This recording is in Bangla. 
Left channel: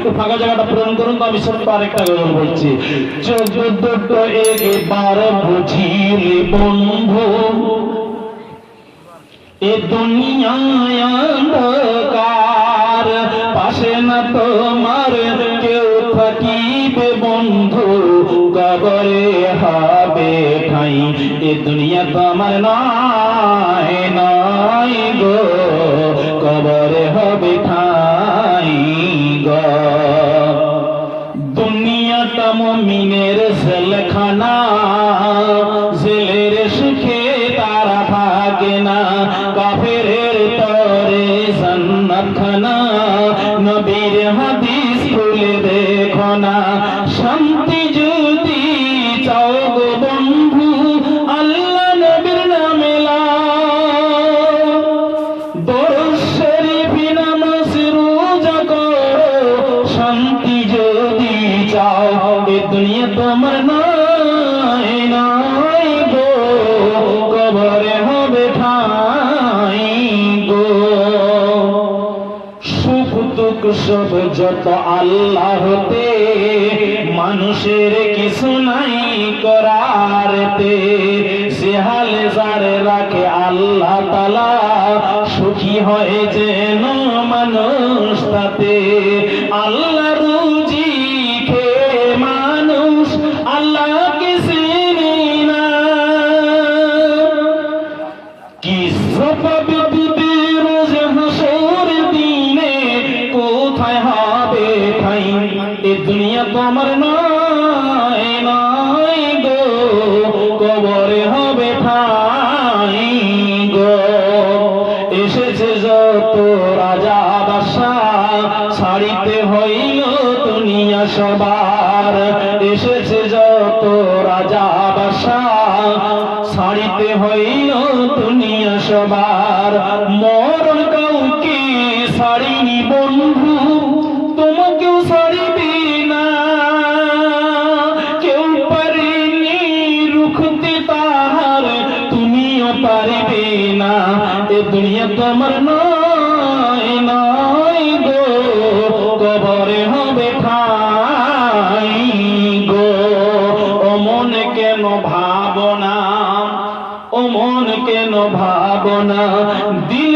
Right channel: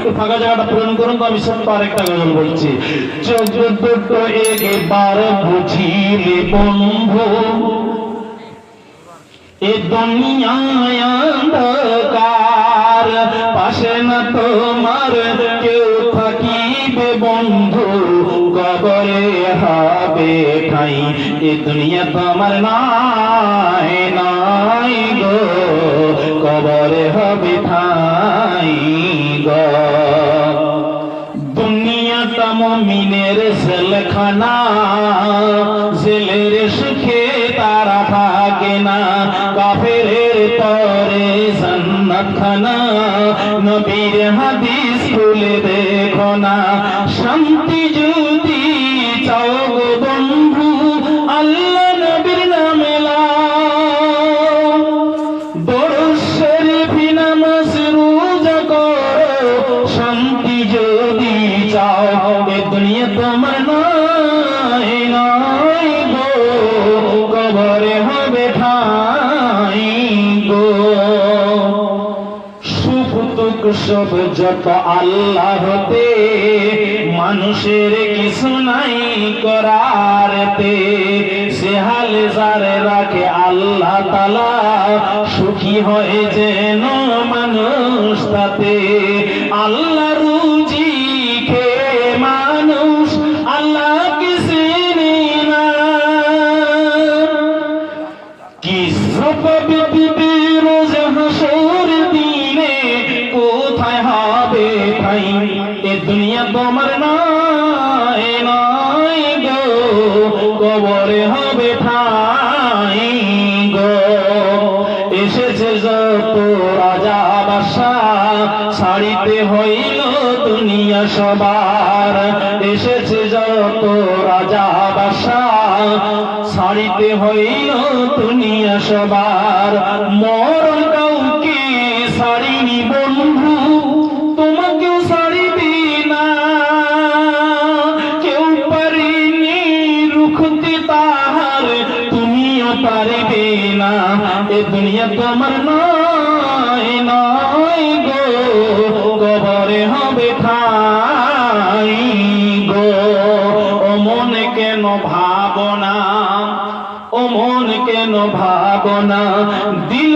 একটু ফাঁকা জায়গাটা পূরণ করুন তো, আমি ছোট্ট আরেকটা গজল বলছি। জগৎ একবার বুঝিলে বন্ধু, এ দুনিয়ায় অন্ধকার, পাশে না তোমার কেউ থাকিবে বন্ধু, কবরে হবে ঠাই, এ দুনিয়া তোমার নাই নাই গো, কবরে হবে ঠাই গো। দুনিয়াটা মুমিনের জেলখানা, জেলের সুখে তারা থাকে না, কাফেরের তরে জান্নাতখানা, নবীর হাদিস খুলে দেখো না। শান্তি যদি চাও গো বন্ধু, আল্লাহ নবীর নামে লাও, দরুদ শরীফ নামাজ রোজা করো, শান্তি যদি চাও, এ দুনিয়া তোমার নাই নাই গো, কবরে হবে ঠাই গো। সুখ দুঃখ সব যত আল্লাহতে, মানুষের কিছু নাই করারতে, সে হালে যারে রাখে আল্লাহ তাআলা, সুখী হয় যেন মানুষ তাতে। আল্লাহ রুজি খেয়ে মানুষ আল্লাহকে চিনে না, কি সপবে দিবে রোজ হাসর দিনে, কোথায় হবে ঠাই, এ দুনিয়া তোমার নাই নাই গো, কবরে হবে ঠাই গো। এসেছে যত রাজা বাদশাহ, ছাড়িতে হইল দুনিয়া সবার, এসেছে যত রাজা বাদশাহ, ছাড়িতে হইল দুনিয়া সবার। মরণ কাউকে ছাড়িনি বন্ধু, তোমাকেও ছাড়িবে না, কেউ পারেনি রুখতে তাহার, তুমিও পারিবে না, এ দুনিয়া তোমার নাই নাই গো, কবরে হবে ঠাই গো। ও মন কেন ভাবনা, ও মন কেন ভাবনা, দিন